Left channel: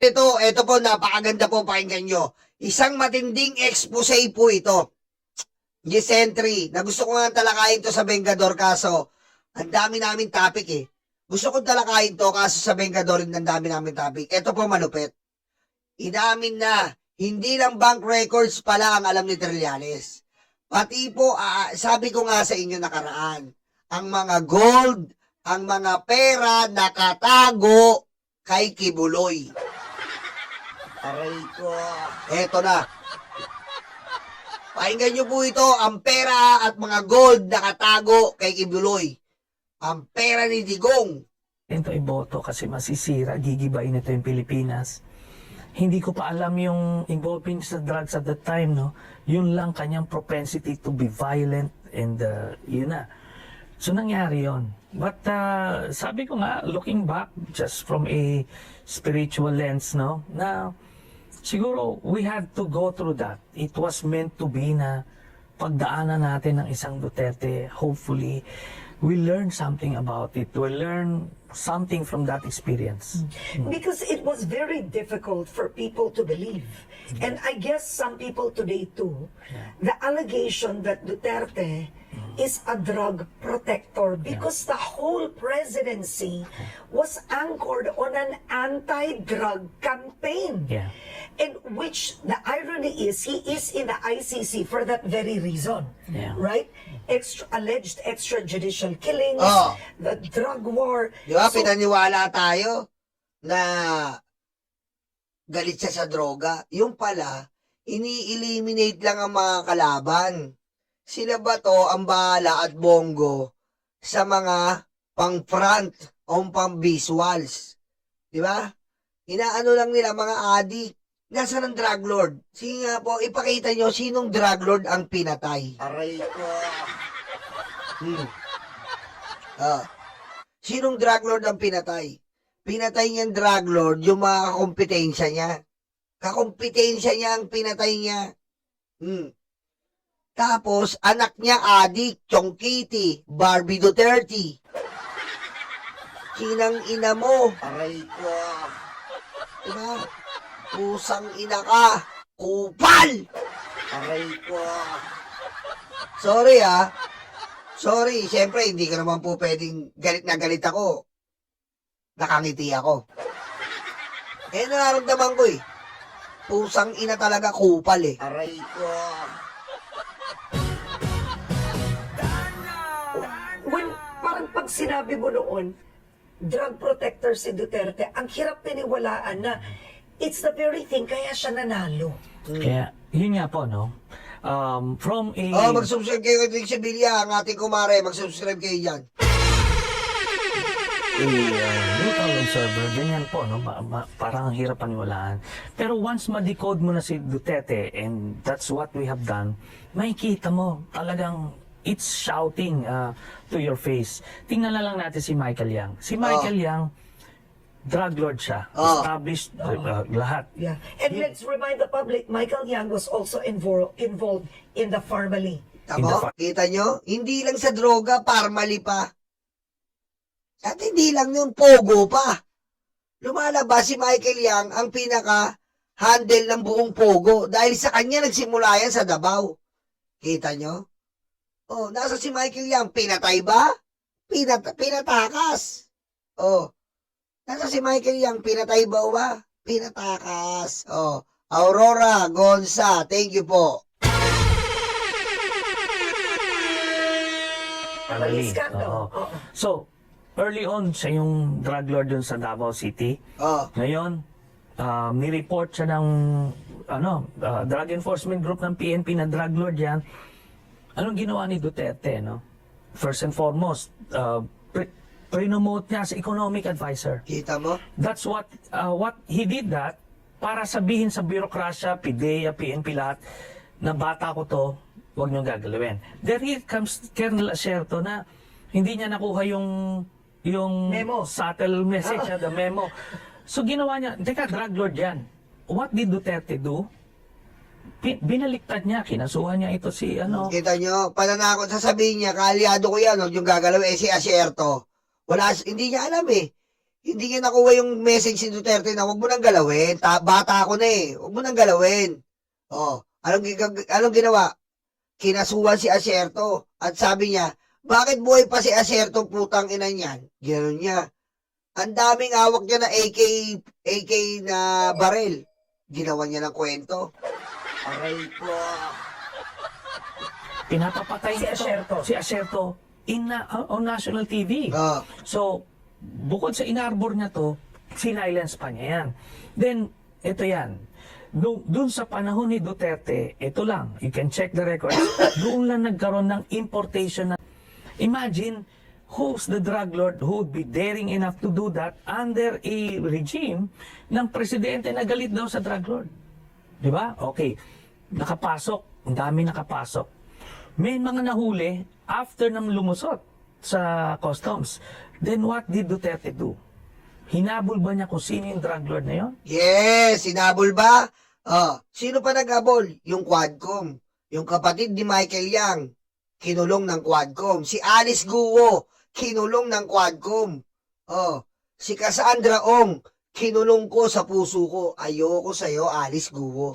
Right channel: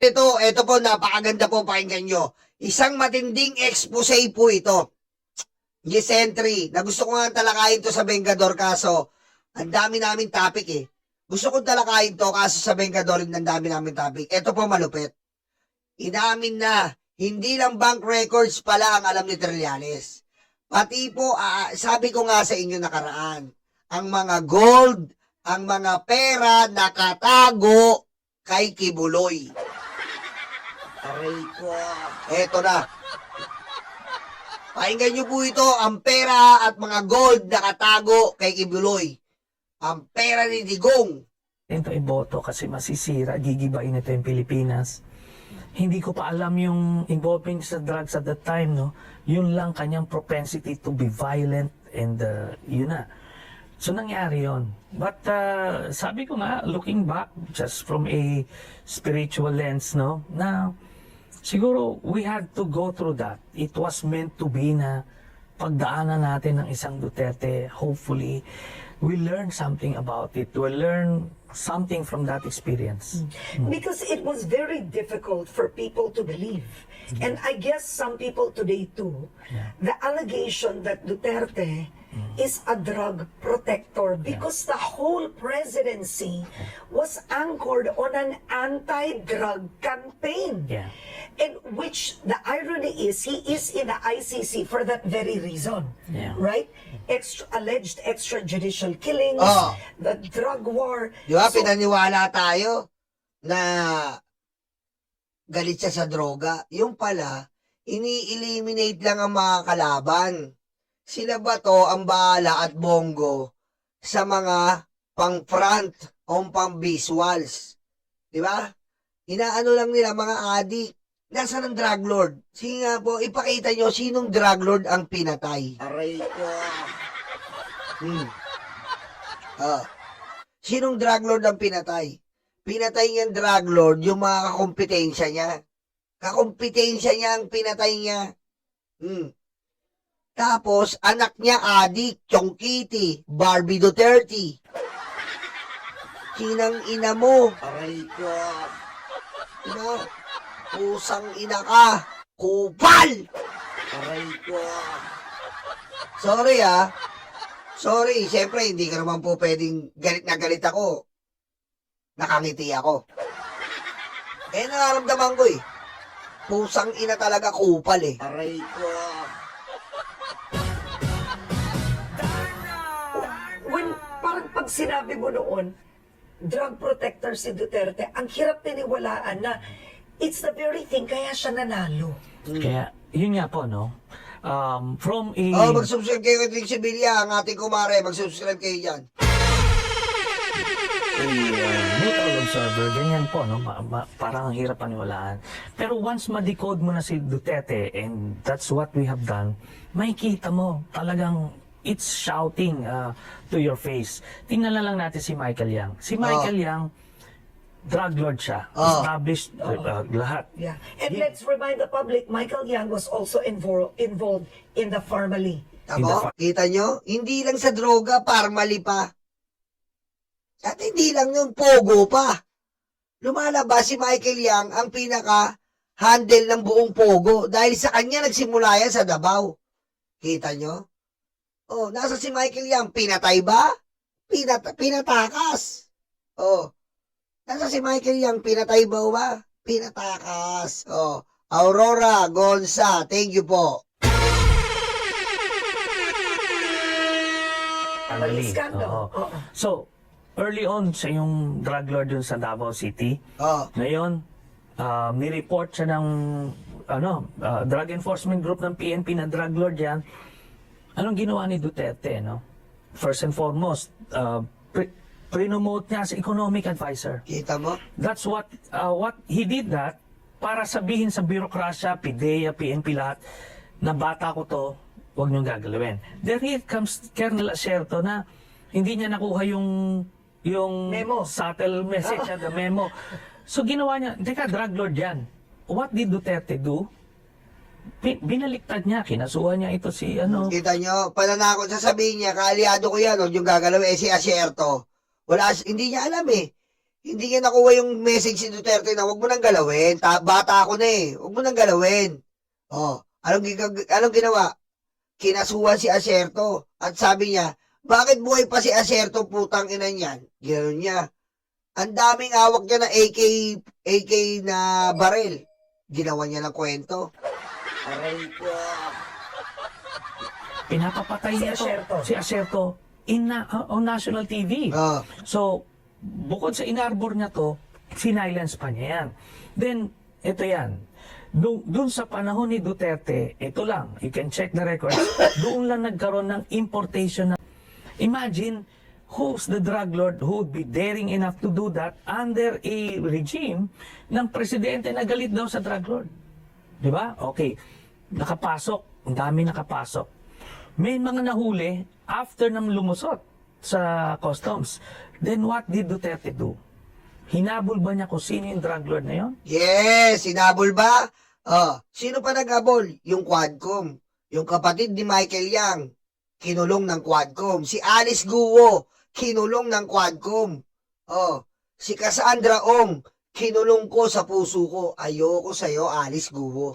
Ito po, napakaganda po, pakinggan nyo. Isang matinding expose po ito. Yes, entry. Na gusto ko nga talakayin to sa Vengador, kaso ang dami namin topic eh. Gusto ko talakayin to, kaso sa Vengador ang dami namin topic. Ito po malupit. Inamin na, hindi lang bank records pala ang alam ni Trillanes. Pati po, sabi ko nga sa inyo nakaraan, ang mga gold, ang mga pera nakatago kay Kibuloy. Aray ko. Eto na. Pakinggan nyo po ito, ang pera at mga gold nakatago kay Kibuloy. Ang pera ni Digong. Ito iboto kasi masisira, gigibain ito yung Pilipinas. Hindi ko pa alam yung involving sa drugs at that time, no? Yun lang kanyang propensity to be violent and yun na. So nangyari yon. But sabi ko nga, looking back, just from a spiritual lens, no? Na siguro we had to go through that. It was meant to be na pagdaanan natin ng isang Duterte. Hopefully, we learn something about it. We learn something from that experience. Because it was very difficult for people to believe. And I guess some people today too, the allegation that Duterte is a drug protector because the whole presidency was anchored on an anti-drug campaign. Yeah. And which the irony is, he is in the ICC for that very reason, Yeah. right? Alleged extrajudicial killings, Oh. the drug war. Di ba, So, pinaniwala tayo na galit siya sa droga. Yung pala, ini-eliminate lang ang mga kalaban. Sila ba to ang bahala at bongo sa mga pang-front o pang-visuals? Di ba? Inaano lang nila mga adik. Nasaan ang drug lord? Sige nga po, ipakita nyo sinong drug lord ang pinatay. Aray ko. Sinong drug lord ang pinatay? Pinatay niyang drug lord yung mga kakompetensya niya. Kakompetensya niya ang pinatay niya. Tapos, anak niya adik, Chong Kitty, Barbie Duterte. Kinang ina mo. Aray ko. Diba? Pusang ina ka. Kupal! Aray ko. Sorry ha. Sorry, siyempre hindi ka naman po pwedeng galit na galit ako. Nakangiti ako. Nararamdaman ko eh. Pusang ina talaga kupal eh. Aray ko. when parang pag sinabi mo noon, drug protector si Duterte, ang hirap tiniwalaan na it's the very thing kaya siya nanalo. Kaya, yun nga po, no? From a... Mag-subscribe kayo kay Rick Sevilla, ang ating kumare. Mag-subscribe kayo dyan. Neutral observer, ganyan po, no? Parang ang hirap paniwalaan. Pero once ma-decode mo na si Duterte, and that's what we have done, makikita mo, talagang it's shouting to your face. Tingnan na lang natin si Michael Yang. Si Michael Yang, drug lord siya. Established lahat. Yeah. And let's remind the public, Michael Yang was also involved in the Farmally. Tamo? Kita nyo? Hindi lang sa droga, parmali pa. At hindi lang yung pogo pa. Lumalabas si Michael Yang ang pinaka-handle ng buong pogo dahil sa kanya nagsimula yan sa Davao. Kita nyo? Oh, nasa si Michael Yang, pinatay ba? Pinatakas. Oh, nasa si Michael Yang, pinatay ba? Pinatakas. Oh, Aurora Gonza, thank you po. Family. Scandal. Oo. So, early on, siya yung drug lord dun sa Davao City. Oh, Ngayon, nireport siya ng drug enforcement group ng PNP na drug lord yan. Anong ginawa ni Duterte, no? First and foremost, pre-promote niya as economic advisor. kita mo? That's what he did that para sabihin sa birokrasya, PIDEA, PNP lahat, na bata ko to, huwag niyong gagalawin. Then here comes Colonel Asierto na hindi niya nakuha yung Memo. subtle message, the memo. So ginawa niya, teka, drug lord yan. What did Duterte do? Binaliktad niya, kinasuhan niya ito si Kita nyo, pananakot sasabihin niya, kaaliado ko yan, huwag yung gagalaw, si Asierto. Hindi niya alam eh. Hindi niya nakuha yung message si Duterte na wag mo nang galawin. Bata ako na eh. Wag mo nang galawin. Oh, anong ginawa? Kinasuhan si Acerto. At sabi niya, bakit buhay pa si Acerto, putang ina niyan? Gano'n niya. Ang daming hawak niya na AK na barel. Ginawa niya ng kwento. Aray ko. Pinapapatay Si niya Acerto. si Acerto on national TV. Oh, So, bukod sa inarbor niya to, sinilence pa niya yan. Then, ito yan. Doon sa panahon ni Duterte, ito lang, you can check the records, doon lang nagkaroon ng importation. Imagine, who's the drug lord who would be daring enough to do that under a regime ng presidente na galit daw sa drug lord? Di ba? Okay. Nakapasok. Ang dami nakapasok. May mga nahuli after nang lumusot sa customs. Then what did Duterte do? Hinabol ba niya kung sino yung drug lord na yon? yes, sinabol ba? Oh, sino pa naghabol? Yung Quadcom. Yung kapatid ni Michael Yang, kinulong ng Quadcom. Si Alice Guo, kinulong ng Quadcom. Oh, si Cassandra Ong, kinulong ko sa puso ko. Ayoko sa'yo, Alice Guo.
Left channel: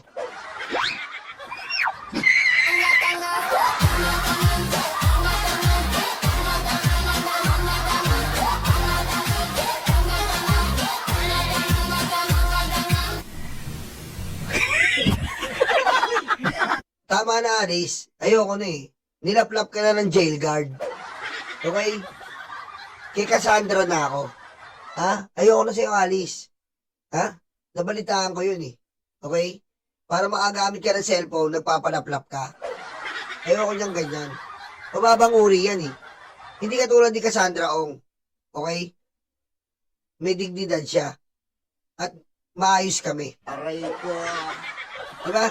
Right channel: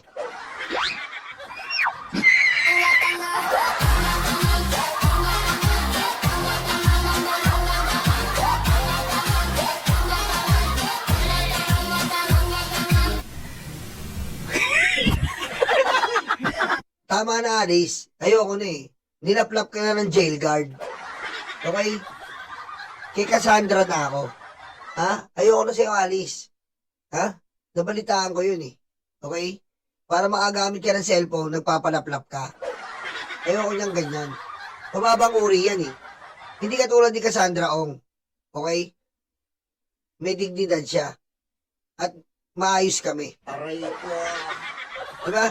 Tama na, Alice. Ayoko na eh. Nilaplap ka na ng jail guard. Okay? Kay Cassandra na ako. Ha? Ayoko na sa'yo, Alice. Ha? Nabalitaan ko yun eh. Okay? Para makagamit ka ng cellphone, nagpapalaplap ka. Ayoko niyang ganyan. Mababang uri yan eh. Hindi ka tulad ni Cassandra Ong. Okay? May dignidad siya. At maayos kami. Aray ko. Diba?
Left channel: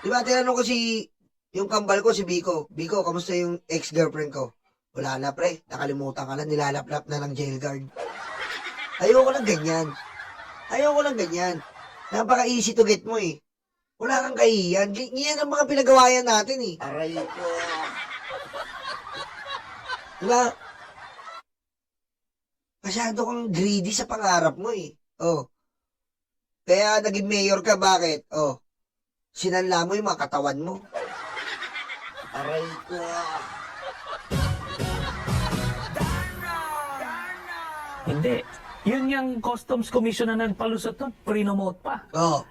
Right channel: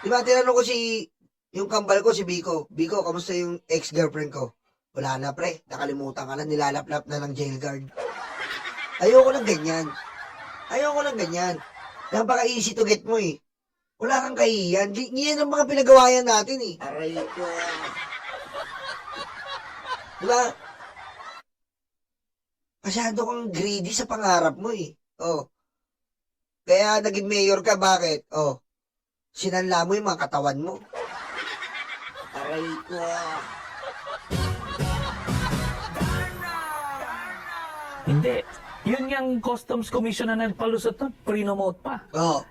Diba, tinanong ko yung kambal ko, si Biko. Biko, kamusta yung ex-girlfriend ko? Wala na, pre. Nakalimutan ka na, nilalaplap na ng jail guard. Ayoko lang ganyan. Ayoko lang ganyan. Napaka-easy to get mo eh. Wala kang kahiyan. Ganyan ang mga pinagawayan natin eh. Aray ko. Diba? Masyado kang greedy sa pangarap mo eh. Oh. Kaya naging mayor ka, bakit? Oh. Sinanla mo yung mga katawan mo. Aray ko. Hindi. Yun yung Customs Commission na nagpalusot nun, prinomote pa. Oh.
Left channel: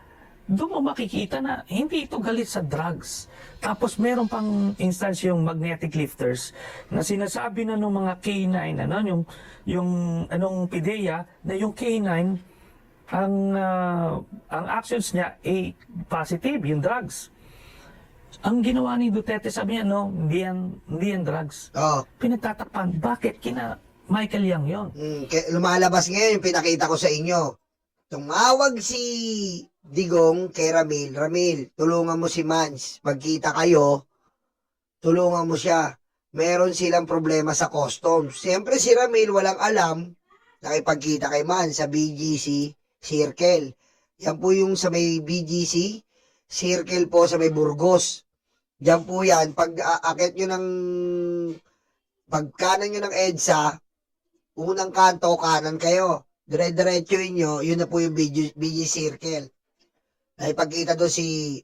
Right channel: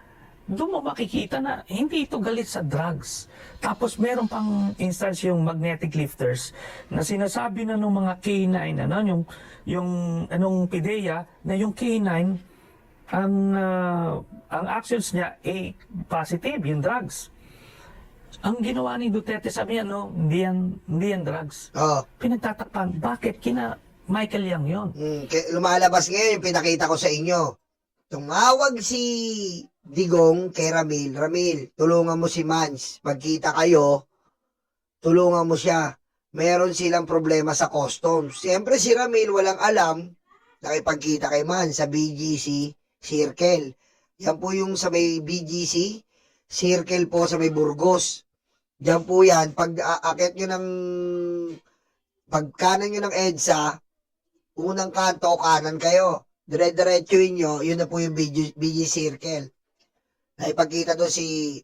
Doon mo makikita na hindi ito galit sa drugs. Tapos meron pang instance yung magnetic lifters na sinasabi na ng mga K9, yung anong PIDEA, na yung K9, ang actions niya ay positive, yung drugs. Ang ginawa ni Duterte, sabi niya, no, hindi yan drugs. Oh. Pinagtatakpan, bakit kina Michael Yang yon? Lumalabas ngayon yung pinakita ko sa inyo. Tumawag si Digong kay Ramil. Ramil, tulungan mo si Mans. Pagkita kayo, tulungan mo siya. Meron silang problema sa customs. Siyempre si Ramil walang alam, nakipagkita kay Mans sa BGC Circle. Yan po yung sa may BGC Circle po sa may Burgos. Diyan po yan. Pag aakit nyo ng pagkanan nyo ng EDSA, unang kanto, kanan kayo. Dire-diretsuin nyo, yun na po yung BG Circle. Naipagkita doon si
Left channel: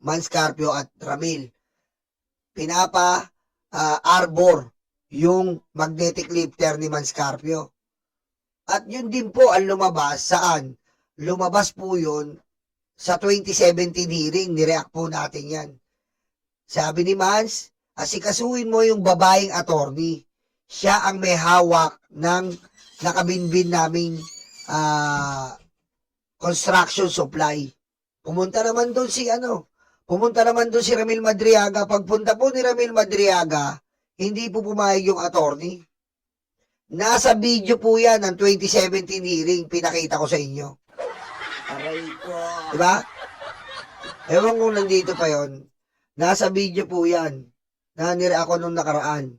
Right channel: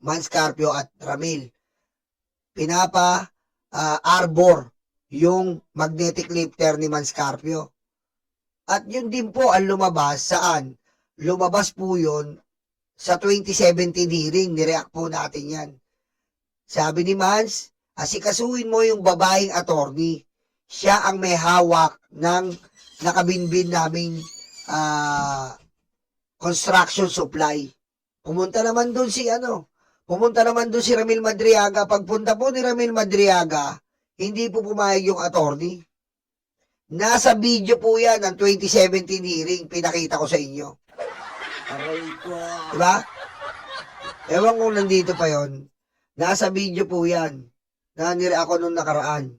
Man Scarpio at Ramil. Arbor yung magnetic lifter ni Man Scarpio. At yun din po ang lumabas saan? Lumabas po yun sa 2017 hearing. Nireact po natin yan. Sabi ni Mans, asikasuin mo yung babaeng attorney. Siya ang may hawak ng nakabinbin naming construction supply. Pumunta naman doon si Ramil Madriaga. Pagpunta po ni Ramil Madriaga, hindi po pumayag yung attorney. Nasa video po yan ng 2017 hearing, pinakita ko sa inyo. Aray ko. Diba? Ewan kung nandito pa yon. Nasa video po yan. Nanire ako nung nakaraan.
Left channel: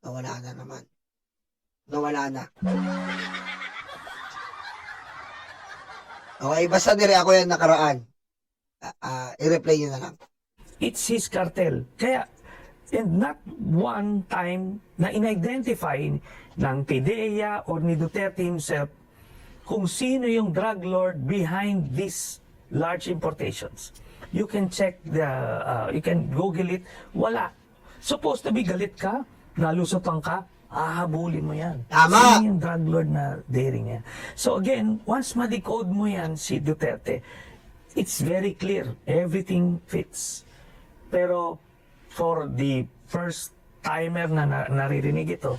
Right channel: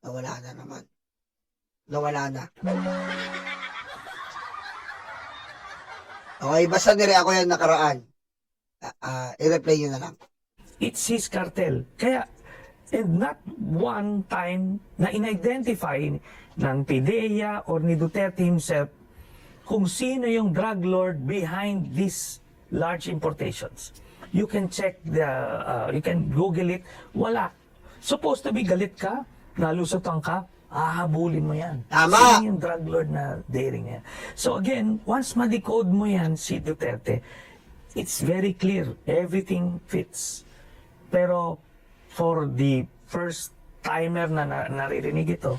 Nawala na naman. Nawala na. Okay, basta nire ako yan nakaraan. I-replay nyo na lang. It's his cartel. Kaya, And not one time na in-identify ng PIDEA or ni Duterte himself kung sino yung drug lord behind these large importations. You can check you can Google it. Wala. Supposed to be galit ka, nalusutan ka, hahabulin mo yan. Tama. Sino yung drug lord na daring yan? So again, once ma-decode mo yan si Duterte, it's very clear. Everything fits. Pero for the first timer na naririnig ito,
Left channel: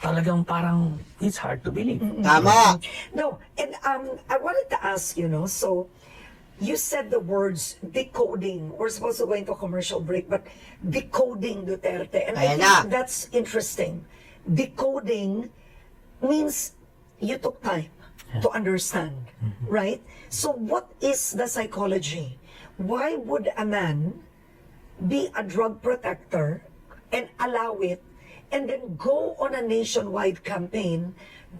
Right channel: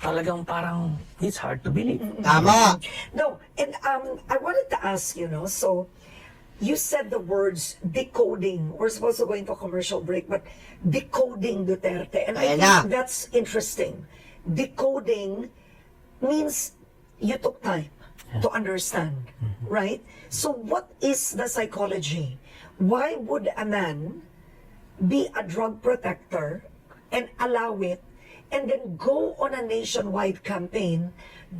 talagang parang it's hard to believe. Tama. No, and I wanted to ask, so you said the words decoding. We're supposed to go into a commercial break, but decoding Duterte. And I Ayan think na. that's interesting. Decoding means you took time to understand, right? So what is the psychology? Why would a man be a drug protector and allow it and then go on a nationwide campaign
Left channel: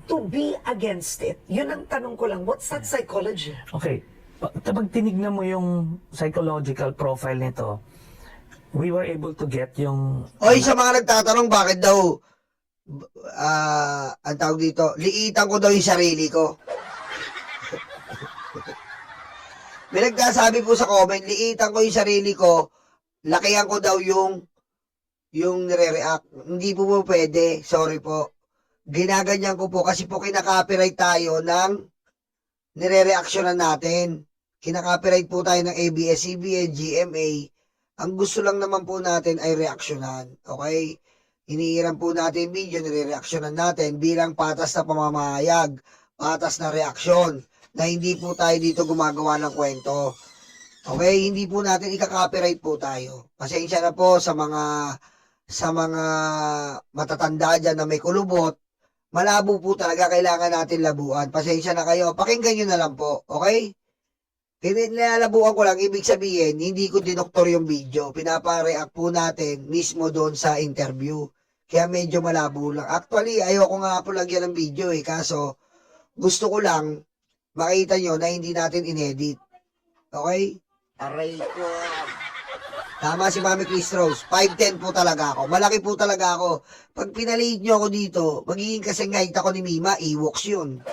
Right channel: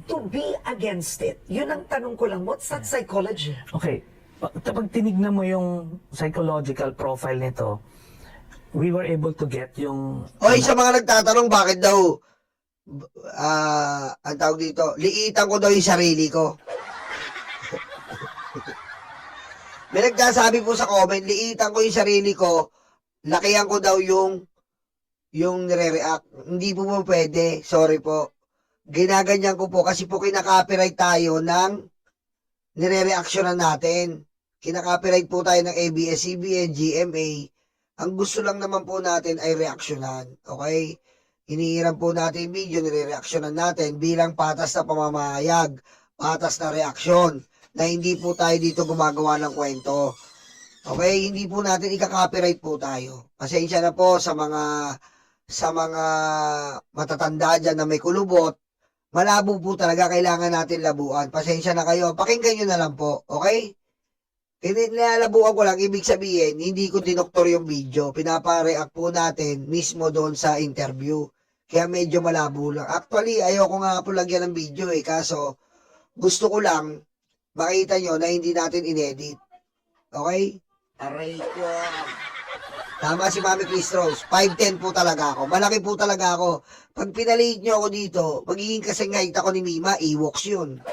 to be against it? Yun ang tanong ko lang. What's that psychology? Okay, pag tinignan mo yung psychological profile nito, we were able to get yung... Oy, sa mga nagtatanong bakit daw ang tawag dito, liitan ko daw yung sarili ko. May nagsasabi po sa comment, liitan ko yung sarili ko, lakihan ko daw yung nire-react. Hindi po pwede, sorry po. Ginaganyan ko po kasi po kinaka-copyright tayo ng nire-reactionan natin. Kinaka-copyright po tayo ng ABS-CBN, GMA. Ang gusto lang naman po natin ay reaksyonan. Okay? Hinihiram po natin video, nire-reactionan natin bilang patas na pamamayag, patas na reaksyon, na hindi po tayo dito gumagawa ng kwento. Okay? Hindi po natin ika-copyright po tayo. Pasensya na po sa mga matatanda dyan na may kulubot. Malabo po talaga, kailangan natin labuan. Pasensya na kayo. Pakinggan nyo na lang po. Okay? Nilalabuan ko lang, ibig sabihin, hindi ko dinoktor yung video. Pinapa-react po natin mismo doon sa interview. Kaya medyo malabo lang. Actually, ayoko nga po lagyan ng video kaso gusto ko lang makita nyo na hindi natin inedit. Okay? Aray ko. Tama si Mami Chris Rose. 5'10 po talaga ako. Malaki po talaga ako. Pag pinaliit nyo ako dito, magiging kasing height ako ni Mima, Ewoks yun.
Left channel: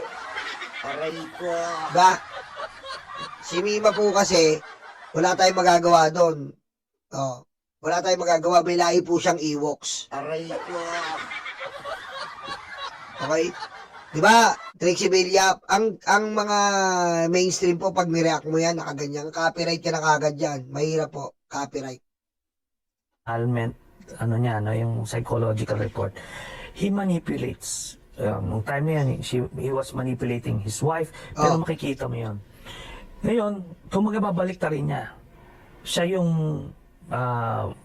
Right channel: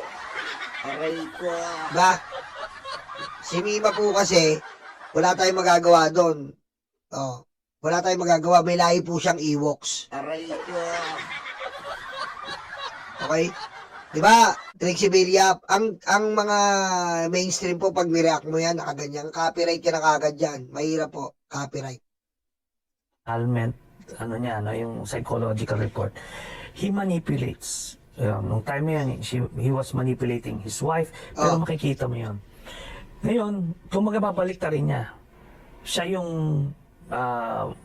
Aray ko. Ba? Si Mima po kasi, wala tayong magagawa doon. Oh, wala tayong magagawa. May lahi po siyang Ewoks. Aray ko. Okay? Diba, Trixie Billap, ang mga mainstream po, pag nireact mo yan, nakaganyan, copyright ka na kagad yan. Mahirap po, copyright. Alment, yung psychological report, he manipulates. Nung time na yun, he was manipulating his wife, pero makikita mo yun. Ngayon, kung magababalik ta rin niya, siya yung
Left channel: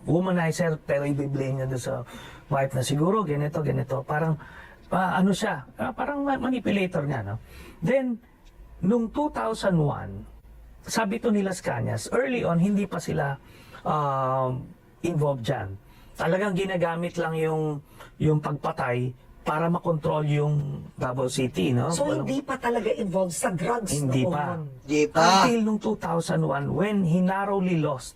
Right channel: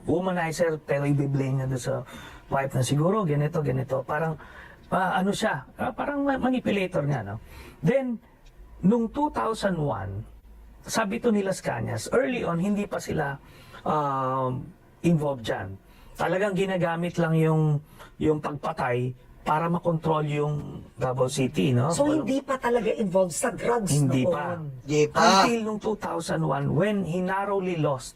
womanizer, pero i-blame niya doon sa wife na siguro, ganito. Parang, siya, parang manipulator niya, no? Then, nung 2001, sabi to nila Cañas, early on, hindi pa sila involved dyan. Talagang ginagamit lang yung pagpatay para makontrol yung Davao City, no? So, hindi pa talaga involved sa drugs Hindi noon. pa. Di pa. Until nung 2001, when he narrowly lost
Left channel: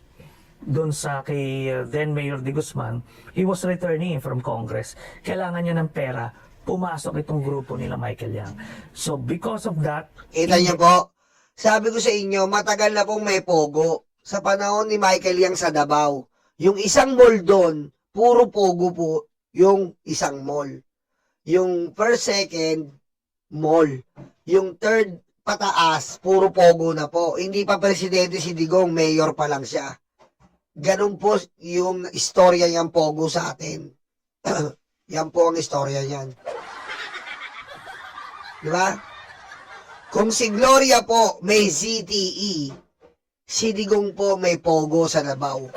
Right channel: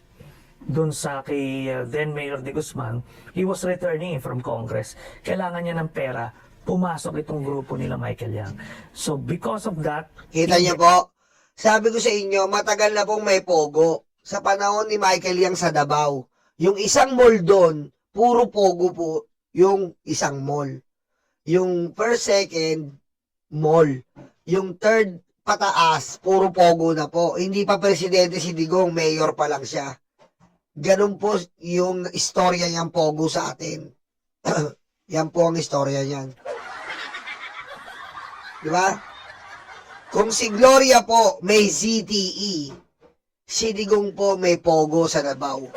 dun sa kay then Mayor de Guzman, he was returning from Congress. Kailangan niya ng pera, pumasok itong grupo nila Michael Yang. So, because of that, Kita niyo po, sabi ko sa inyo, matagal na pong may pogo. Sa panahon ni Michael Yang sa Davao, yung isang mall doon, puro pogo po yung isang mall. Yung first, second, mall. Yung third, pataas, puro pogo na po. Hindi pa presidente si Digong, mayor pa lang siya. Ganun po yung istorya niyang pogo sa atin. Yan po ang istorya niyan. Diba? Kung si Gloria po may CTE, si Digong po may pogo sa Davao.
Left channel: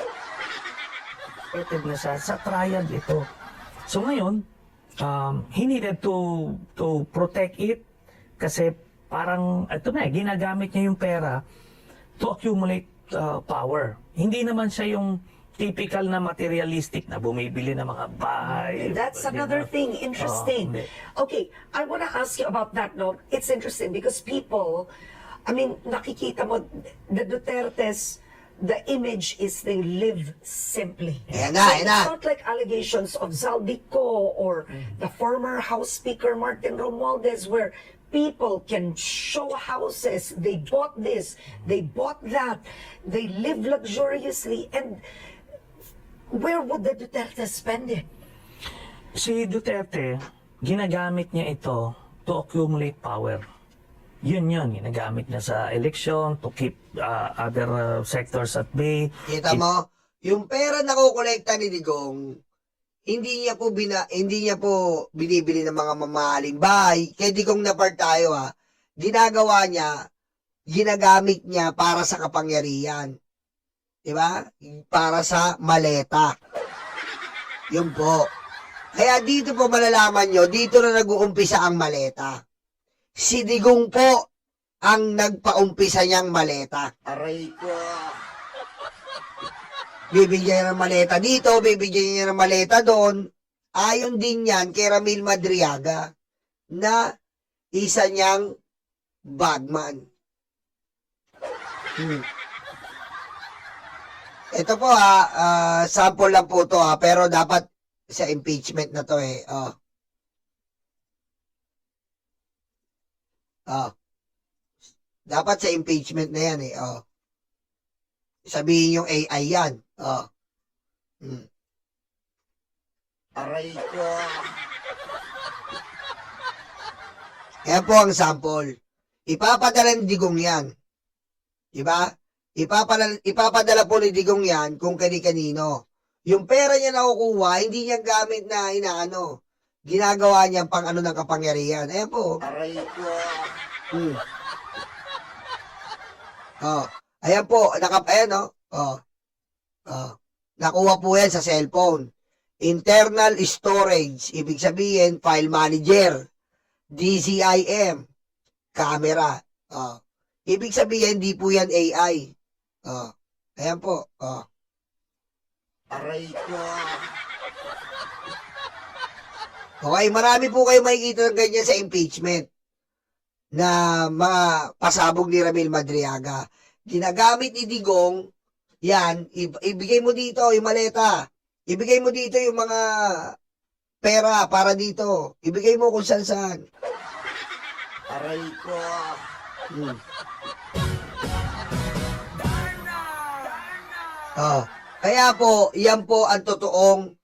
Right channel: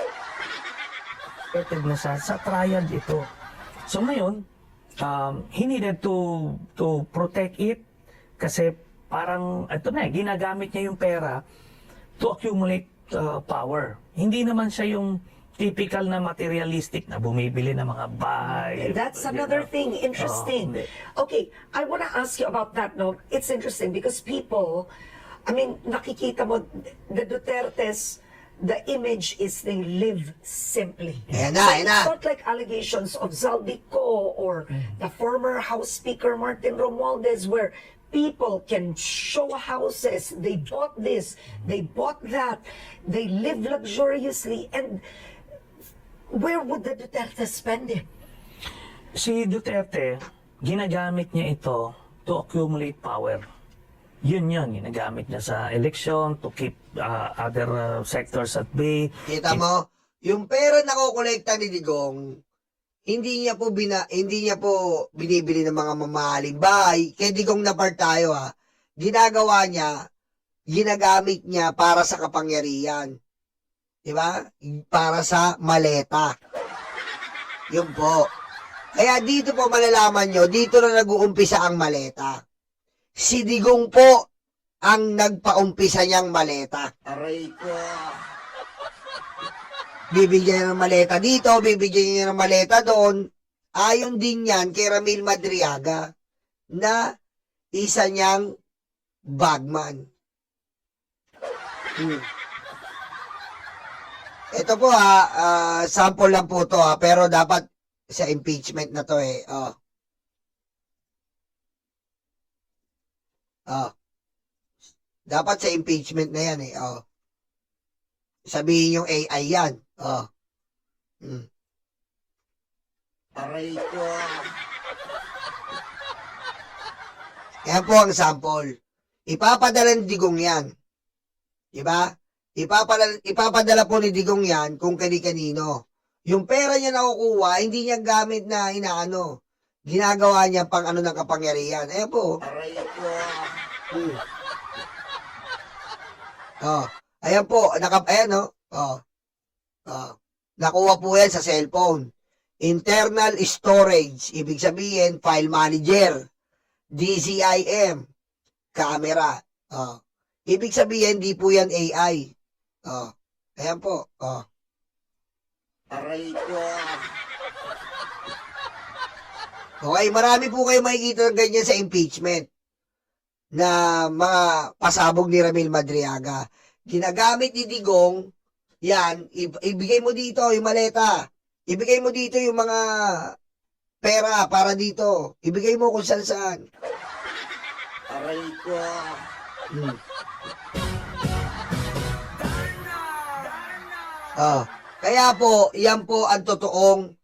effective na sa trial ito. So ngayon, he needed to protect it kasi parang, ito na, ginagamit niya yung pera to accumulate power. Hindi naman siya yung typical na materialistic na bumibili ng mga bahay. That's another thing. Interesting. hindi. Okay, I want to ask you about that, no? It's interesting because people, I mean, nakikita mo, the Dutertes, the image is they live simply. Ayan na, ayan na. It's not like allegations of Zaldico or the former House Speaker Martin Romualdez where people can show houses, they bought this, they bought that, they live luxuriously, and where would the Duterte spend it? Si Duterte, ginagamit niya ito to accumulate power. Yun, ginagamit niya sa election to keep other sectors at bay. Kita mo, yung pera na kukolekta ni Digong, hindi niya po binibili ng mga mamahaling bahay. Kay Digong na part tayo ha. Ginagawa niya, ginagamit niya para sa kapangyarihan. 'Di ba? Para sa maleta. Yun po. Kaya dito po malalaman nyo, dito na nag-uumpisa ang maleta. Si Digong po ang nagpaumpisa niyang maleta. Aray ko. Bibigyan niya ng maleta dito, bibigyan niya ng maleta doon. Ayon din yan kay Ramil Madriaga na isa niyang bagman. Ito po sample lang po to pero dapat sa impeachment na to eh. Dapat sa impeachment na yan eh. Sabihin yung AI yan. Aray ko. Kaya po ang sample. Ipapadala ni Digong yan. Diba? Ipapadala po ni Digong yan kung kani-kanino. Yung pera niya nakukuha, hindi niya gamit na inaano. Ginagawa niya pang ano ng kapangyarihan. Ayan po. Aray ko. Ayan po. Ayan nakuha po yan sa cellphone. Internal storage. Ibig sabihin, file manager. DCIM. Camera. Ibig sabihin, di po yan AI. Ayan po. Aray ko. Okay, marami po kayo makikita ng ganyan sa impeachment na mapasabog ni Ramil Madriaga. Ginagamit ni Digong, yan, ibigay mo dito yung maleta. Ibigay mo dito yung mga pera para dito. Ibigay mo kung saan. Aray ko. Kaya po, yan po ang totoong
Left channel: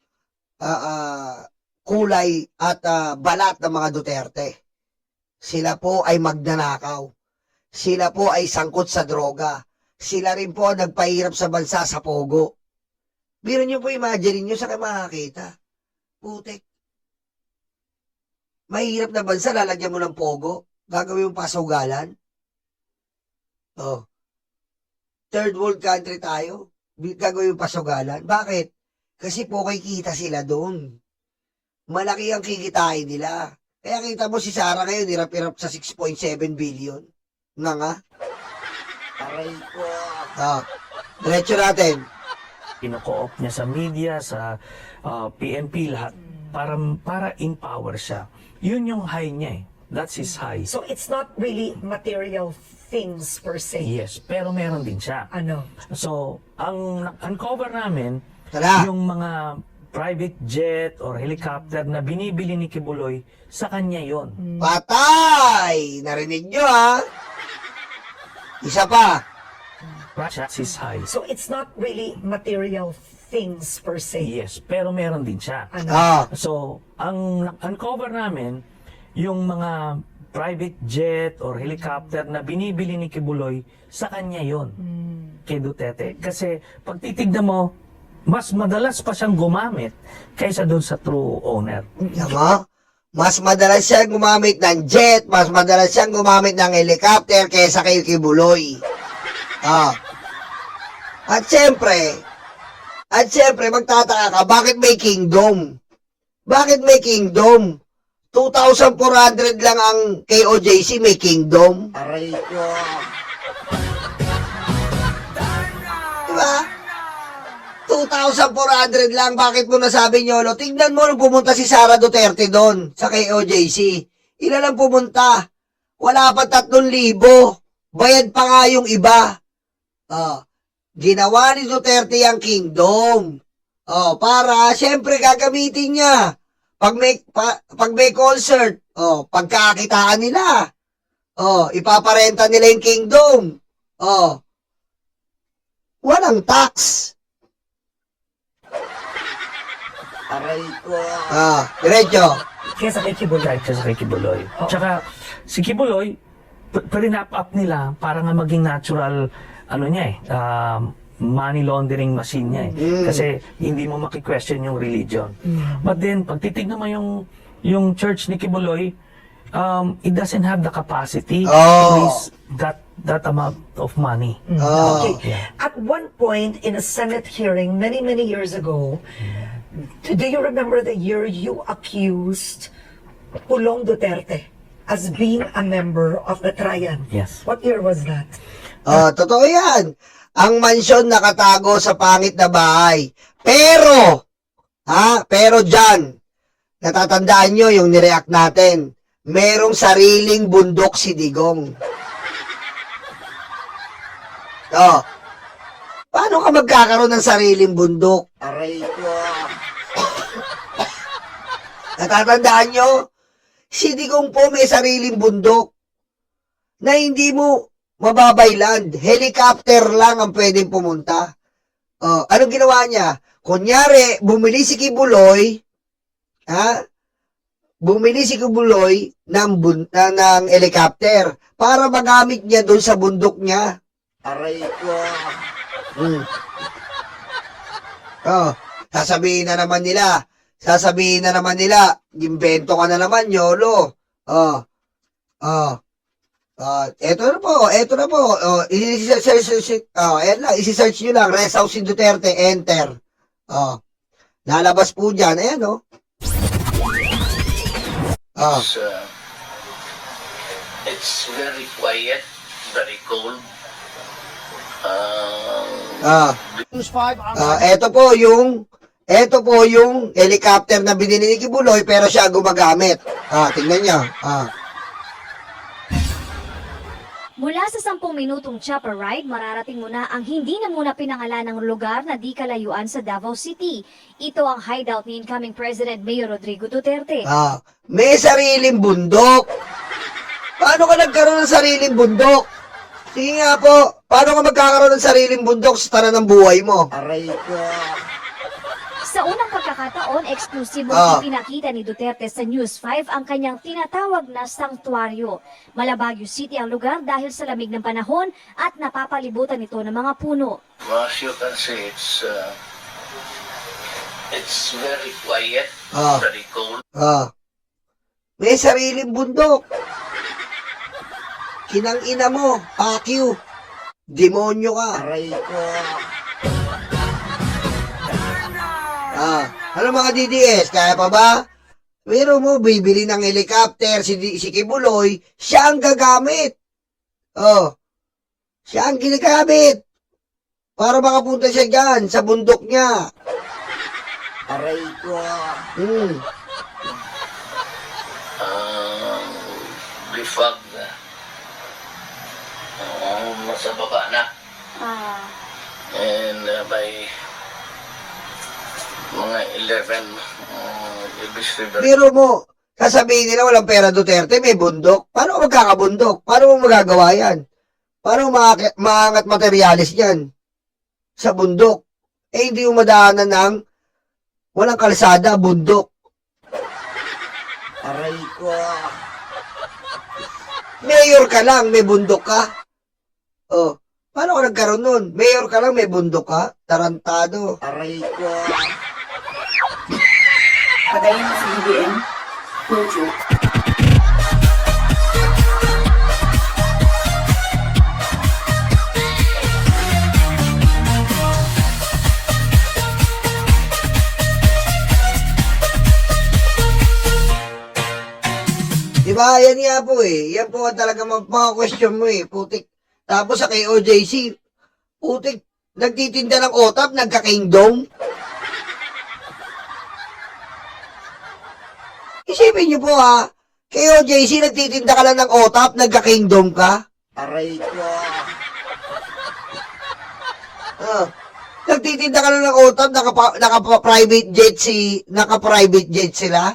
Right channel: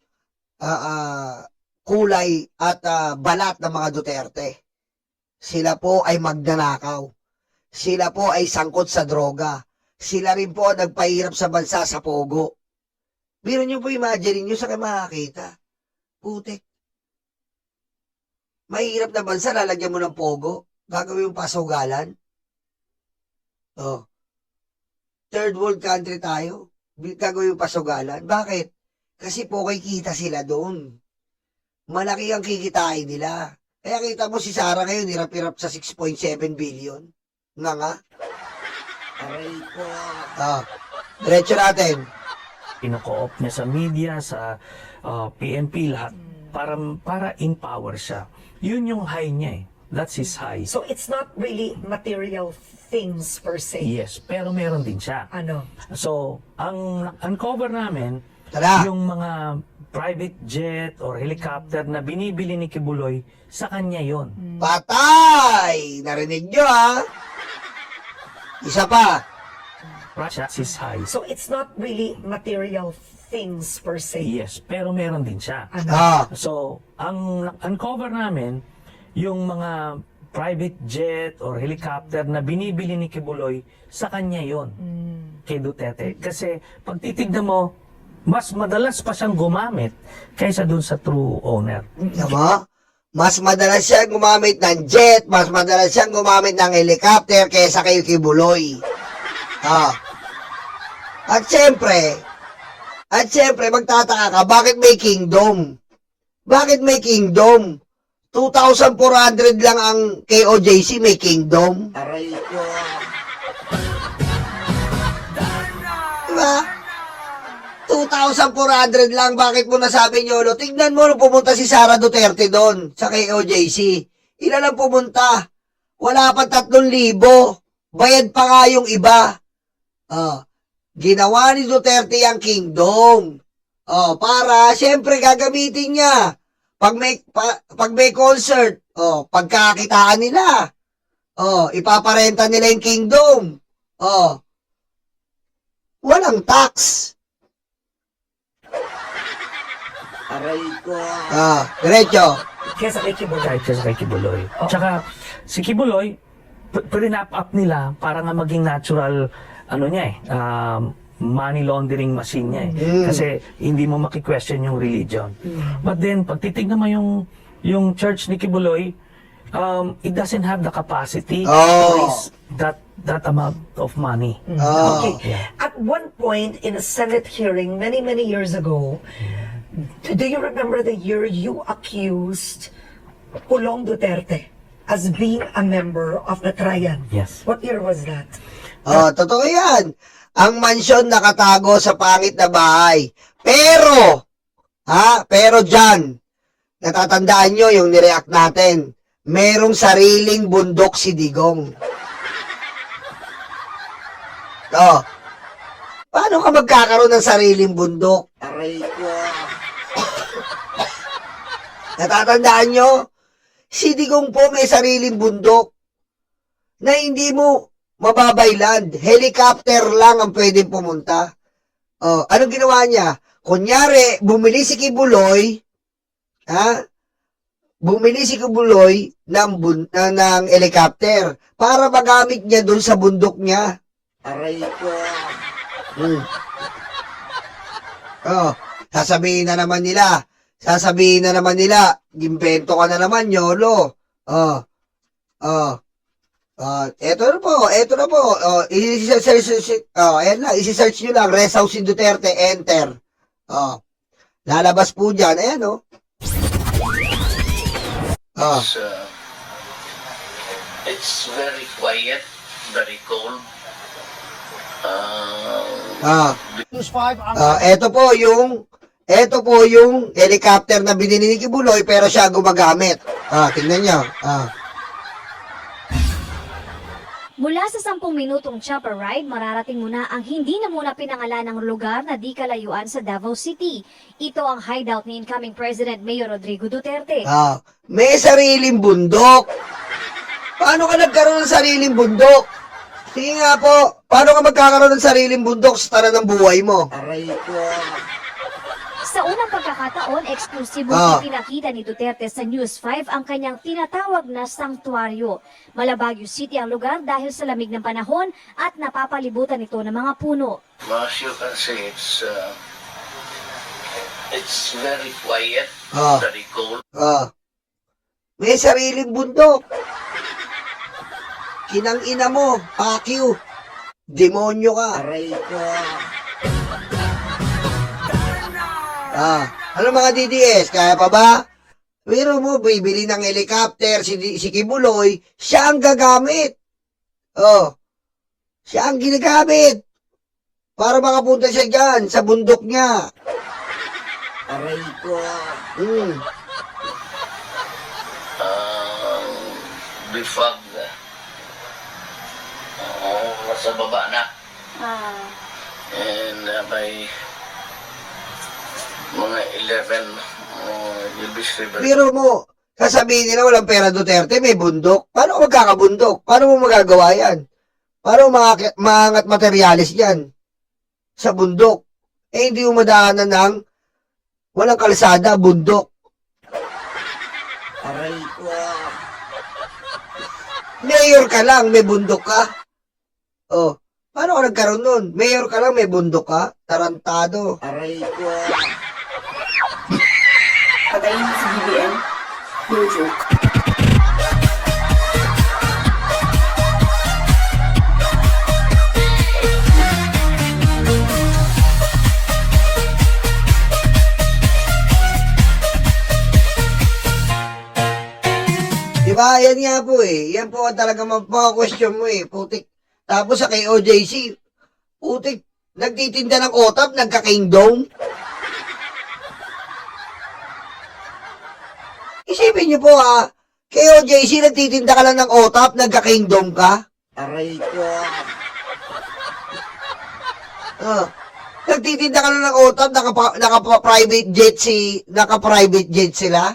kulay at balat ng mga Duterte. Sila po ay magnanakaw. Sila po ay sangkot sa droga. Sila rin po ang nagpahirap sa bansa sa pogo. Biro nyo po, imagine nyo sa makakita. Putek. Mahirap na bansa, lalagyan mo ng pogo. Gagawin yung pasugalan. Third world country tayo. Gagawin yung pasugalan. Bakit? Kasi po kikita sila doon. Malaki ang kikitain nila. Kaya kita mo si Sara ngayon, hirap-hirap sa 6.7 billion. Nga. Aray ko. Diretso natin. Ino-co-op niya sa media, sa PNP, lahat. Para empower siya. Yun yung high niya eh. That's his high. So it's not really material things per se. Yes, pero meron din siya. Ano? So, ang uncover namin, Tara. yung mga private jet or helicopter na binibili ni Kibuloy, sa kanya yon. Patay! Narinig nyo Isa pa. That's his high. So it's not really material things per se. Yes, pero meron din siya. Ano? So, ang uncover namin, yung mga private jet or helicopter na binibili ni Kibuloy, sa kanya yon. Kay Duterte. Kasi pag titignan mo, mas madalas pa siyang gumamit kaysa doon sa true owner. Diba? Mas madalas siyang gumamit ng jet, mas madalas siyang gumamit ng helicopter kaysa kay Kibuloy. At siyempre, magtataka ka, bakit may kingdom? Bakit may kingdom? 2,400 lang ang KOJC, may kingdom. Aray ko. Diba? 2,400 lang, bakit mo nasabi nyo? Tignan mo nung pumunta si Sara Duterte doon sa KOJC. Ilan ang pumunta? Wala pa 3,000. Bayad pa nga yung iba. Ginawa ni Duterte ang kingdom. Oh, para siyempre gagamitin niya. Pag may concert, oh, pagkakitaan nila. Oh, ipaparenta nila yung kingdom. Oh. Walang tax. Aray ko. Diretso. Kesa kay Kibuloy. Kahit kasi kay Kibuloy. Tsaka si Kibuloy, pinap up nila para nga maging natural, ano niya money laundering machine niya Kasi hindi mo maki-question yung religion. But then, pag titignan mo yung church ni Kibuloy, it doesn't have the capacity to raise that amount of money. Okay. Yeah. At one point in a Senate hearing many, many years ago, do you remember the year you accused Pulong Duterte as being a member of the Triad? Yes. What year was that? Totoo yan. Ang mansyon nakatago sa pangit na bahay. Pero dyan, natatandaan nyo yung nireact natin. Merong sariling bundok si Digong. Paano ka magkakaroon ng sariling bundok? Aray ko. Natatandaan nyo? Si Digong po may sariling bundok na hindi mo mababayland. Helicopter lang ang pwedeng pumunta. Anong ginawa niya? Kunyari, bumili si Kibuloy ng helicopter para magamit niya doon sa bundok niya. Aray ko. Sasabihin na naman nila, gimbento ka na naman, YOLO. Eto na po. Ayan lang, isi-search nyo lang, Rest House si Duterte, enter. Lalabas po dyan, ayan It's very quiet, very cold. Ito po yung helicopter na binili ni Kibuloy pero siya gumagamit. Tingnan nyo. Mula sa 10 minutong chopper ride, mararating mo na ang hindi na muna pinangalan ng lugar na di kalayuan sa Davao City. Ito ang hideout ni incoming President Mayor Rodrigo Duterte. May sariling bundok. Paano ka nagkaroon ng sariling bundok? Sige nga po, paano ka magkakaroon ng sariling bundok sa tanan ng buhay mo? Aray ko. Sa unang pagkakataon, eksklusibo ipinakita ni Duterte sa News 5 ang kanyang tinatawag na sanktuaryo. Malabagyo City ang lugar dahil sa lamig ng panahon at napapalibutan ito ng mga puno. As you can see, it's very quiet, very cold. May sariling bundok. Kinang-ina mo, pakyu. Demonyo ka. Aray ko. Ano mga DDS, kaya pa ba? Pero mo, bibili ng helicopter, si Kibuloy, siya ang gagamit. Siya ang ginagamit. Para makapunta siya dyan, sa bundok niya. Aray ko. The fog, nasa baba na. And by mga 11, you'll be stable. Pero mo, sasabihin nila walang pera Duterte, may bundok. Paano ka magkakabundok? Paano mo magagawa yan? Paano maangat materyales yan? Sa bundok. Hindi mo madaanan ng walang kalsada, bundok. Aray ko. Mayor ka lang, may bundok ka. Paano ka nagkaroon nun? Mayor ka lang, may bundok ka. Tarantado. Aray ko. Padayin sa BBM. Diba? Yan nga po Yan po ang talaga mga-question mo Putik. Tapos sa kay OJC, putik, nagtitinda ng otap, nagka-kingdom. Isipin niyo po kay OJC, nagtitinda ka lang ng otap, nagka-kingdom ka. Aray ko. Nagtitinda ka na ng OTAP, naka-private jet sila.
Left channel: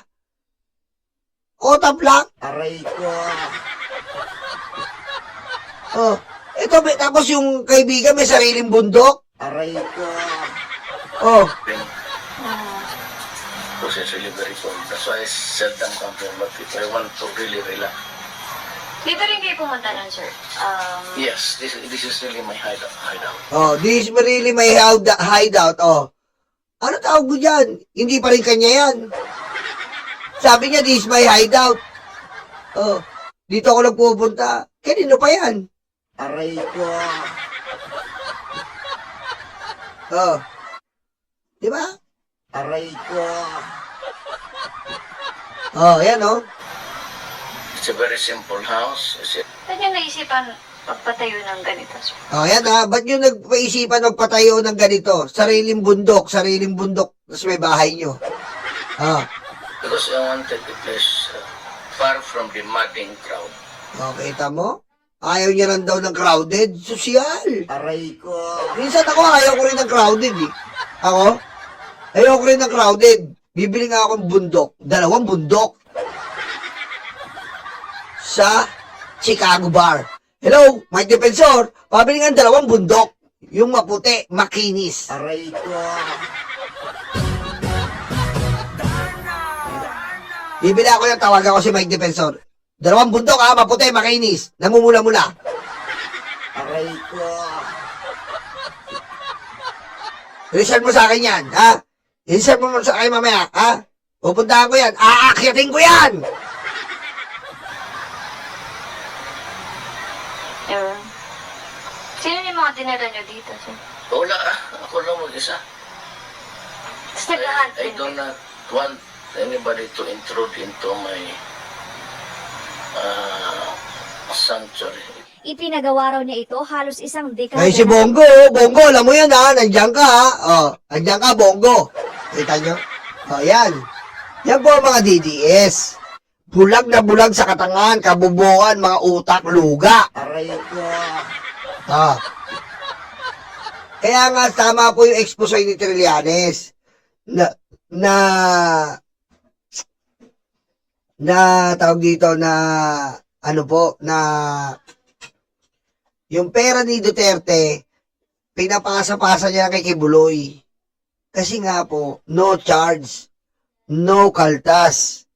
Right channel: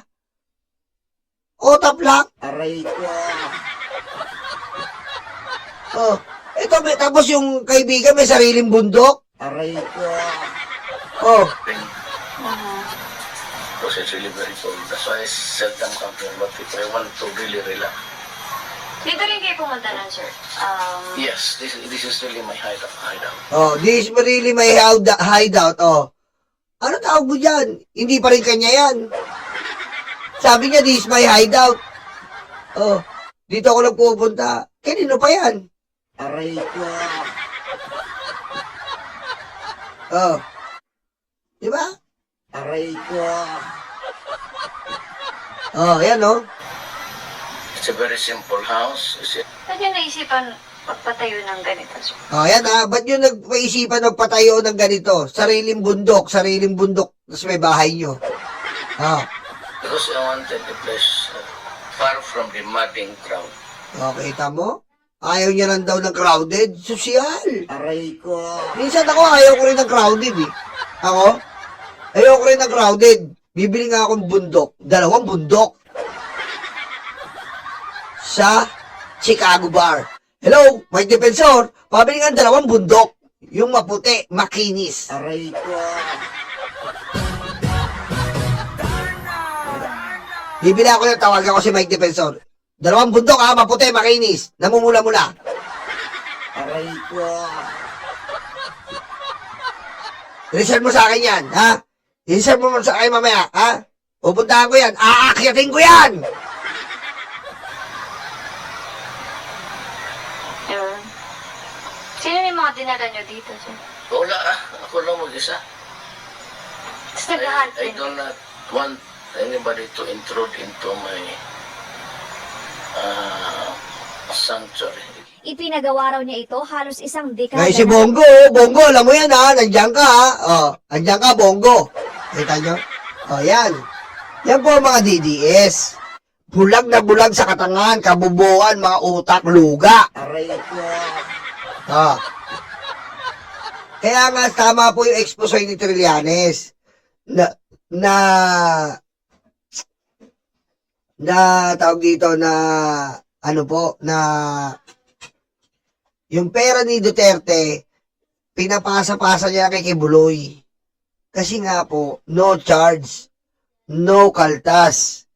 OTAP lang. Aray ko. Tapos yung kaibigan may sariling bundok. Aray ko. Because it's really very cold. That's why I seldom come here. But if I want to really relax, Dito rin kayo pumunta nun, sir. yes, this is really my hideout. This is really my hideout. Ano tawag mo dyan? Hindi pa rin kanya yan. Sabi niya, this is my hideout. Dito ako nagpupunta. Kanino pa yan? Aray ko. Di ba? Aray ko. Yan It's a very simple house. Saan nyo naisipan magpatayo ng ganito, sir? Yan ba't nyo nagpaisipan ng patayo ng ganito? Sariling bundok, tapos may bahay nyo. Because I wanted a place far from the madding crowd. Kita mo? Ayaw niya lang daw ng crowded. Sosyal. Aray ko. Minsan ako, ayaw ko rin ng crowded eh. Ayaw ko rin ng crowded. Bibili nga akong bundok. 2 bundok. Sa Chicago Bar. Hello, may defensor. Pabili nga 2 bundok. Yung maputi, makinis. Aray ko. Bibili ako yung tawagan ko si Mike Defensor. 2 bundok maputi, makinis. Namumula-mula. Aray ko. Reserve mo sa akin yan, ha? Reserve mo sa akin mamaya, ha? Pupuntahan ko yan. Aakyatin ko yan! Yun. Sino yung mga dinala nyo dito, sir? Wala ako lang mag-isa. Tapos nag-hunt I din do not want anybody to intrude into my sanctuary. Ipinagawa raw niya ito halos 1 dekada. Ngayon si Bongo, Bongo, alam mo yan ha, nandiyan ka ha. Nandiyan ka, Bongo. Kita nyo? Yan. Yan po ang mga DDS. Bulag na bulag sa katangan, kabubuan, mga utak, luga. Aray ko. Kaya nga, tama po yung expose ni Trillanes. Tawag dito na, yung pera ni Duterte, pinapasa-pasa niya kay Kibuloy. Kasi nga po, no charge, no kaltas.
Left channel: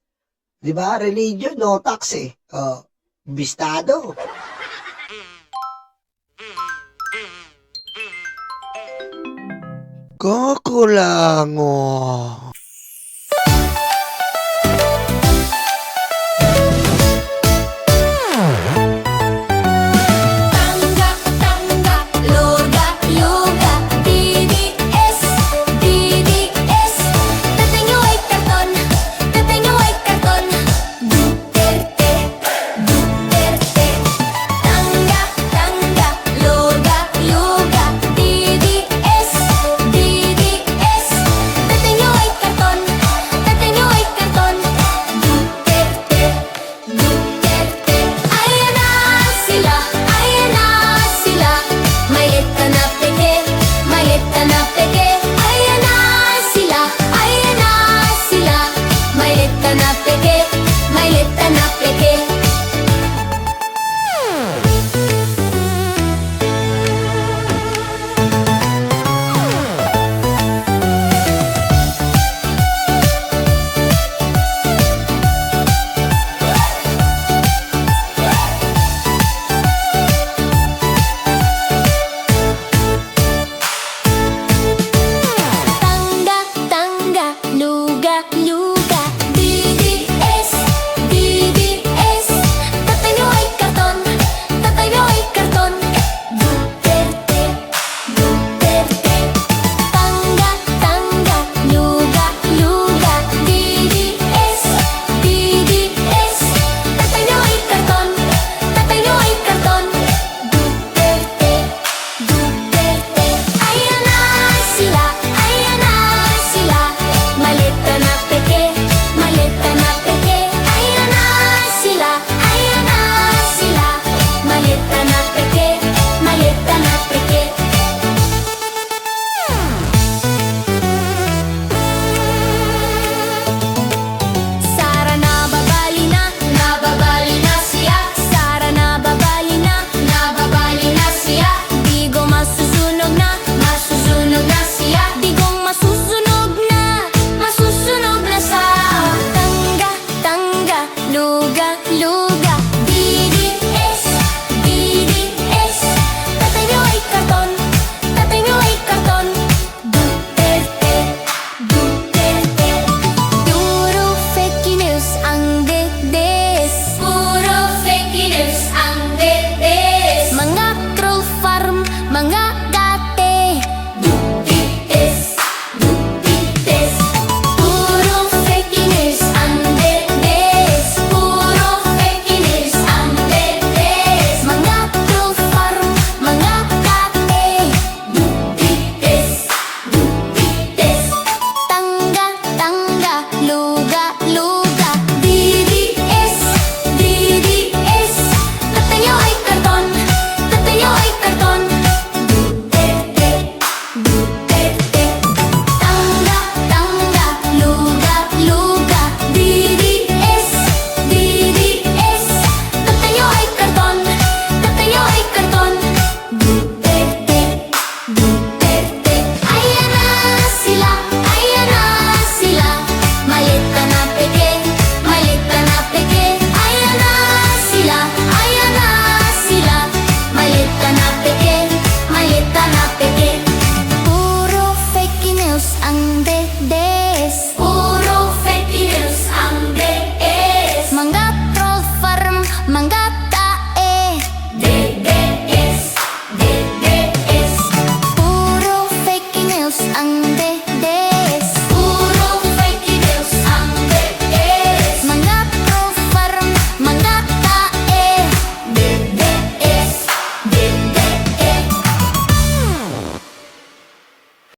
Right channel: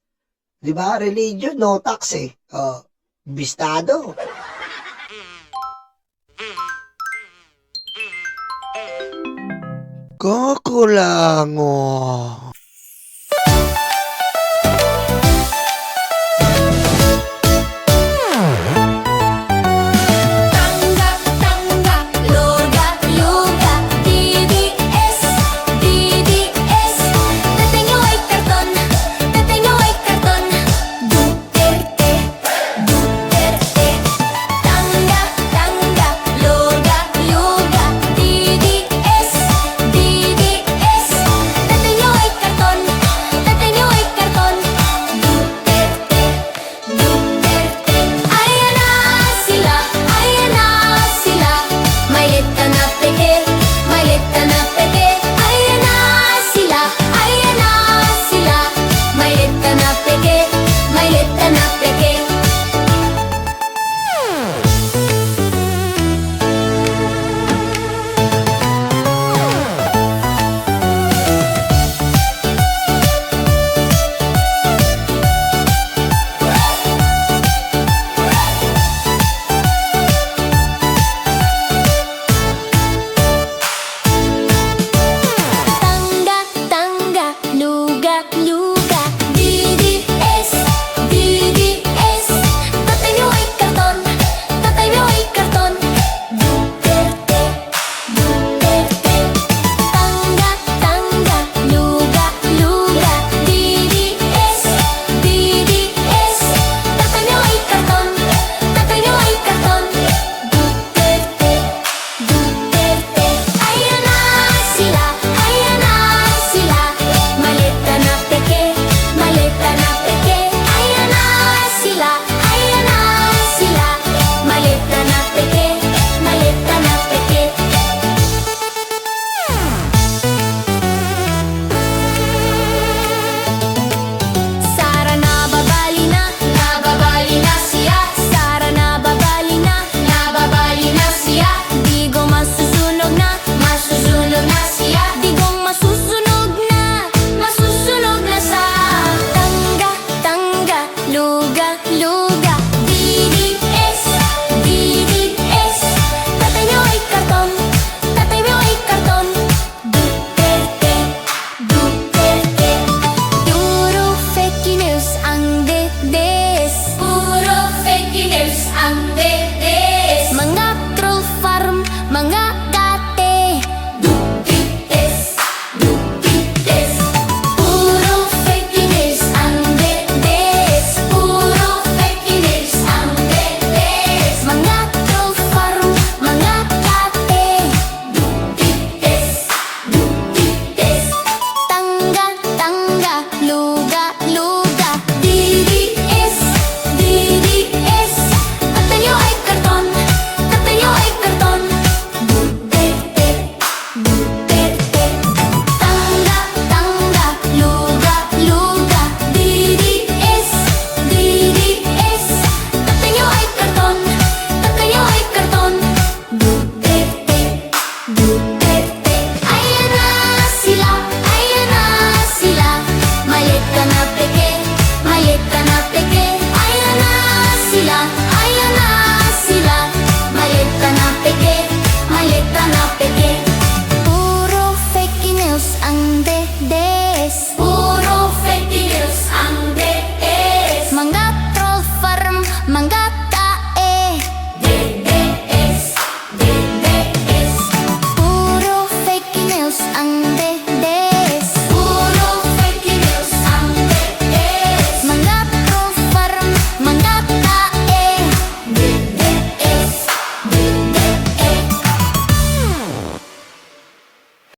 Diba? Religion, no tax eh. Bistado. Kakulango.